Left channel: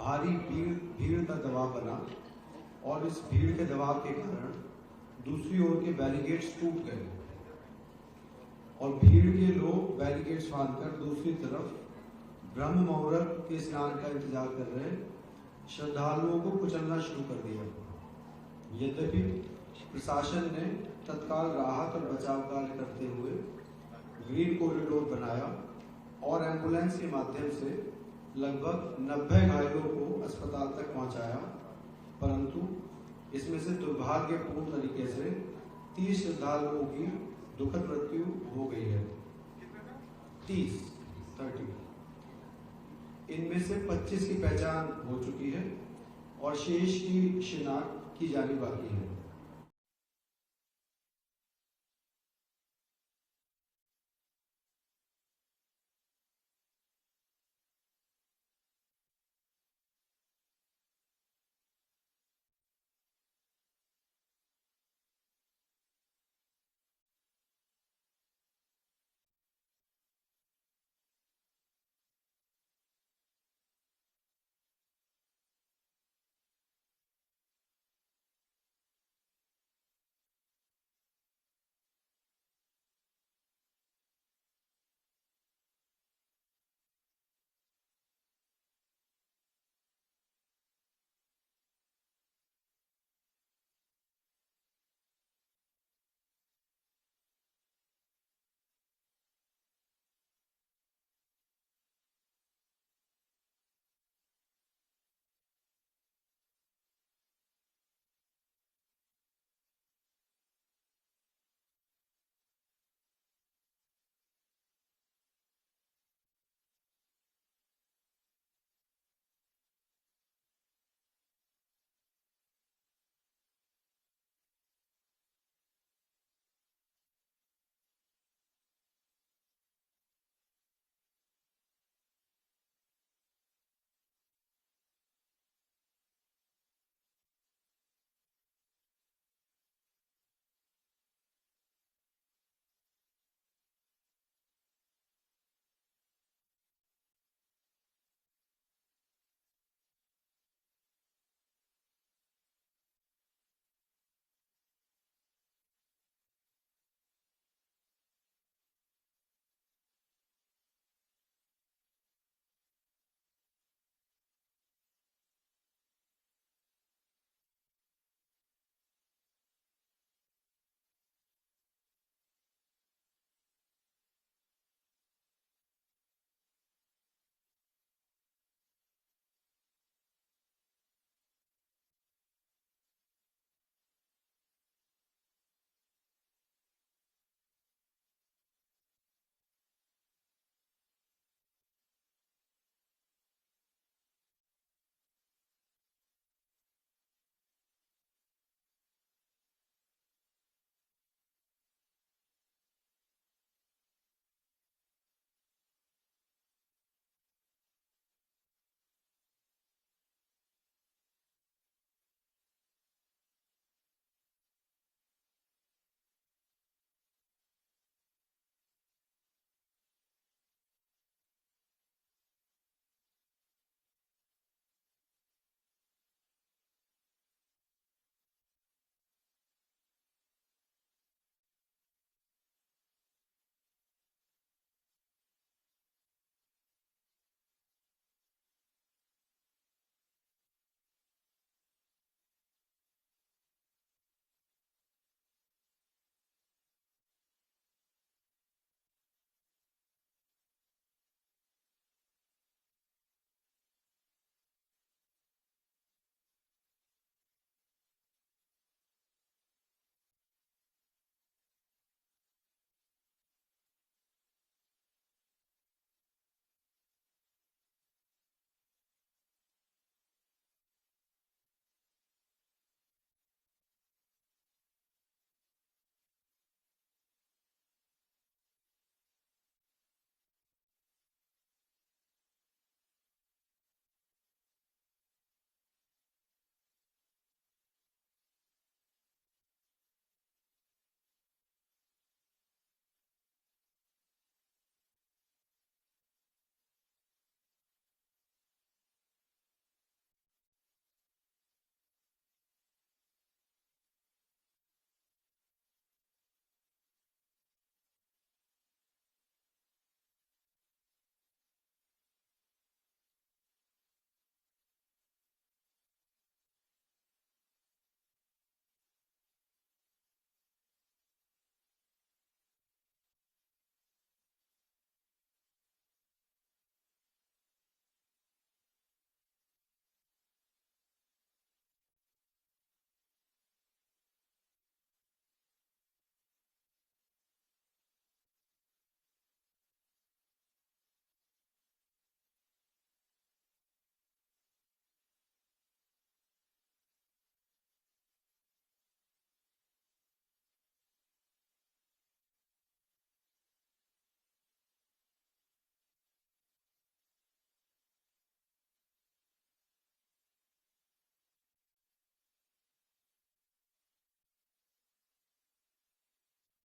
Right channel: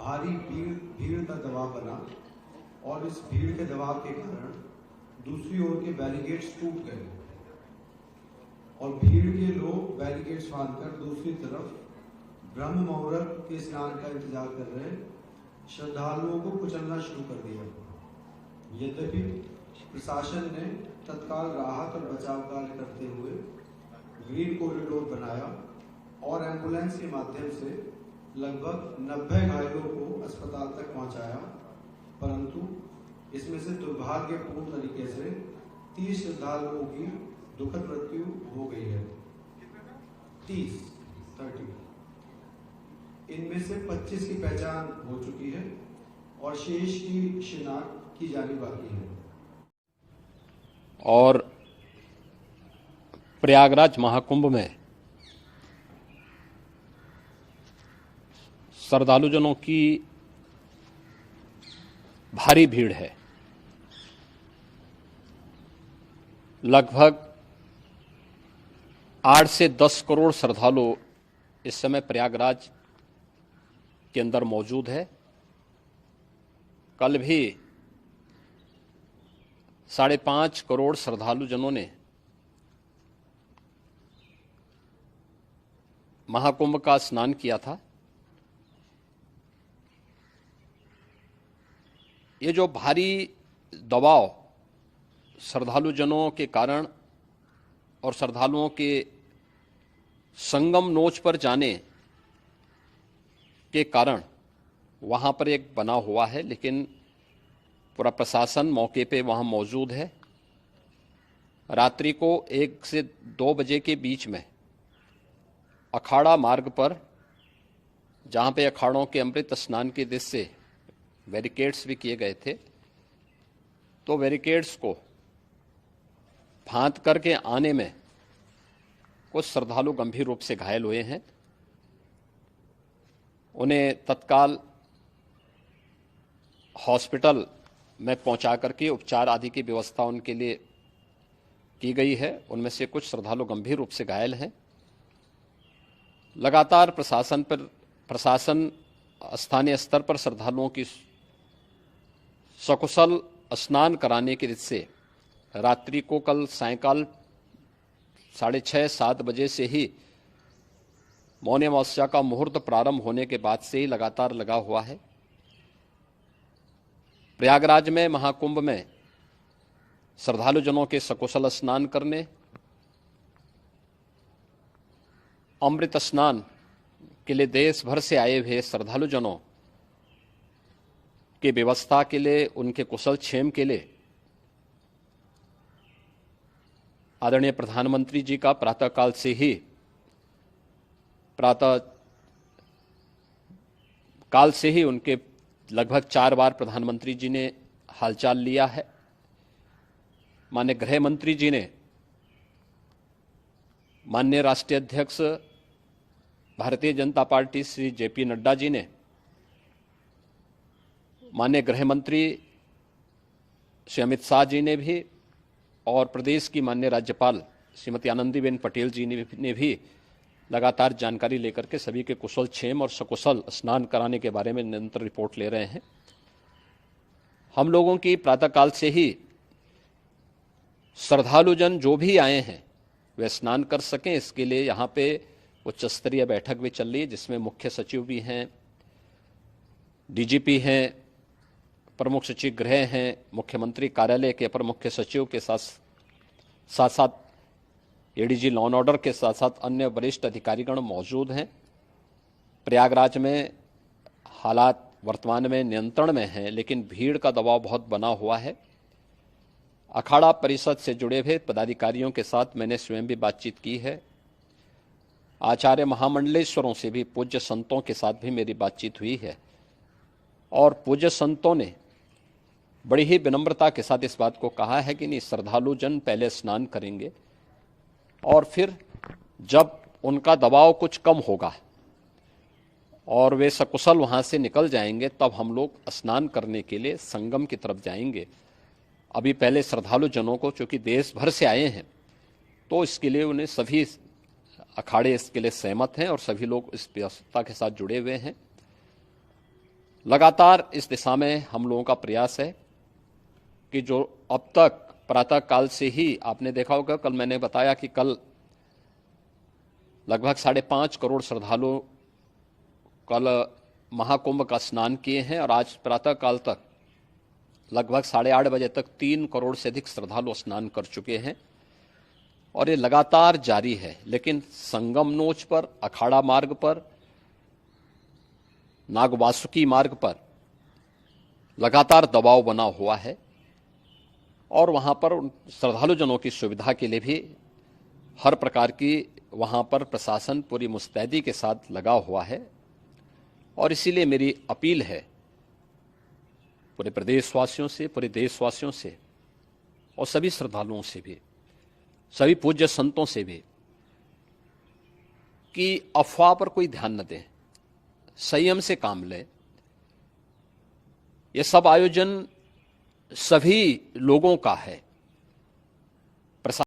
भारी भीड़ का दबाव बना और इस भीड़ के दबाव के कारण दूसरी ओर के बैरिकेड्स टूट गए और भीड़ के लोग बैरिकेड्स बांधकर दूसरी तरफ ब्रह्म मुहूर्त के स्नान का इंतजार कर रहे श्रद्धालुओं को कुचलना शुरू कर दिया। यद्यपि प्रशासन ने तत्काल राहत और बचाव कार्य करते हुए ग्रीन कॉरिडोर बनाया और एम्बुलेंस के माध्यम से लगभग 90 घायलों को अस्पताल तक पहुंचाया, परंतु इसमें से दुर्भाग्यपूर्ण तरीके से 30 श्रद्धालुओं की दुखद मृत्यु हो गई है। 30 इनमें से 25 की पहचान हो चुकी है और शेष की शिनाख्त की जानी बाकी है। और प्रयागराज महाकुंभ में श्रद्धालुजनों की भारी भीड़ है। लगभग 8 से 10 करोड़ श्रद्धालु इस समय प्रयागराज के अंदर मौजूद है। कल भी 5.5 करोड़ श्रद्धालुजनों ने महाकुंभ का स्नान किया था। ये जो भारी दबाव श्रद्धालुजनों के कारण और श्रद्धालुओं के संगम नोच पर जाने के कारण वहाँ पर एक बना हुआ है, लेकिन पूरा प्रशासन मौके पे वहाँ मौजूद है। रात्रि को 1 से 2 बजे के बीच में अखाड़ा मार्ग पर, जहाँ पे अखाड़ों के अमृत स्नान के दृश्य से बैरिकेड्स भी किए गए थे, तो बैरिकेड्स को फांद करके आने में कुछ श्रद्धालु गंभीर रूप से घायल हुए हैं। उन्हें तत्काल हॉस्पिटल में पहुंचा करके उपचार आदि की व्यवस्था उनके लिए की गई है। उनमें से कुछ श्रद्धालु गंभीर रूप से घायल हैं। लगातार प्रशासन स्थानीय स्तर पर श्रद्धालुओं की सकुशल स्नान कराने के दृष्टि से रात्रि को कल सायंकाल 6:30-7 बजे से ही मौनी अमावस्या का मुहूर्त प्रारंभ होने के बाद से ही लगातार लगा हुआ है। प्रयागराज में महाकुंभ में श्रद्धालुजनों के सकुशल स्नान करने, अमृत स्नान के लिए देश भर से आए हुए श्रद्धालुजनों की व्यवस्था के लिए, उनके कुशल क्षेम के लिए आदरणीय प्रधानमंत्री जी का प्रातःकाल से ही उनके लगभग 4 बार प्रधानमंत्री जी ने हालचाल लिया है। माननीय गृह मंत्री जी ने, माननीय राष्ट्रीय अध्यक्ष भारतीय जनता पार्टी श्री जेपी नड्डा जी ने, माननीय गृह मंत्री श्री अमित शाह जी ने भी, और प्रदेश की माननीय राज्यपाल श्रीमती आनंदीबेन पटेल जी ने भी लगातार जानकारी लेकर के सभी के कुशल क्षेम और सकुशल स्नान कराने के बारे में निरंतर रिपोर्ट ले रहे हैं। हम लोगों की प्रातःकाल से ही श्रद्धालुजन जो भी आए हैं वे स्नान कर सकें, इसके लिए यहाँ पे उच्च स्तरीय बैठक भी चल रही है, जिसमें मुख्य सचिव भी हैं, डीजीपी हैं, प्रमुख सचिव गृह हैं, मुख्यमंत्री कार्यालय के अपर मुख्य सचिव के साथ साथ एडीजी लॉ एंड ऑर्डर के साथ साथ अन्य वरिष्ठ अधिकारीगण मौजूद हैं। प्रयागराज में हालात वर्तमान में नियंत्रण में हैं, लेकिन भीड़ का दबाव बहुत बना हुआ है। अखाड़ा परिषद से जुड़े हुए पदाधिकारियों के साथ मैंने स्वयं भी बातचीत की है। आचार्य महामंडलेश्वरों से भी, पूज्य संतों के साथ भी मेरी बातचीत हुई है, और पूज्य संतों ने बड़ी ही विनम्रता के साथ इस बात को कहा है कि नहीं, श्रद्धालु जन पहले स्नान करेंगे और फिर जब उनका दबाव कुछ कम होगा और वे सकुशल वहाँ से निकल जाएंगे, तब हम लोग स्नान करने के लिए संगम की तरफ जाएंगे। अभी पहले श्रद्धालु जनों को, चूँकि देश भर से आए हैं, तो इसके लिए उन्हें सभी अखाड़े इसके लिए सहमत हैं और सभी लोग इस व्यवस्था के साथ जुड़े हुए हैं। लगातार इस दिशा में हम लोगों का प्रयास है कि जो अब तक प्रातः काल से ही आपने देखा होगा, कल मैंने बताया कि कल लगभग 5.5 करोड़ श्रद्धालु कल महाकुंभ का स्नान किए हैं और आज प्रातः काल तक लगभग 8:30 बजे तक 3 करोड़ से अधिक श्रद्धालु स्नान कर चुके हैं और ये लगातार जारी है। लेकिन संगम नोच पर, अखाड़ा मार्ग पर, नागवासुकी मार्ग पर लगातार दबाव बना हुआ है और वहां पर श्रद्धालु जनों की सुविधा के लिए भी हर प्रकार की वहां पर प्रशासन पूरी मुस्तैदी के साथ लगा हुआ है। और इसीलिए मेरी अपील है पूरे प्रदेशवासियों से, पूरे देशवासियों से और सभी श्रद्धालुओं से भी, सभी पूज्य संतों से भी कि अफवाह पर कोई ध्यान न दें, संयम से काम लें। ये सब आयोजन सभी लोगों का है,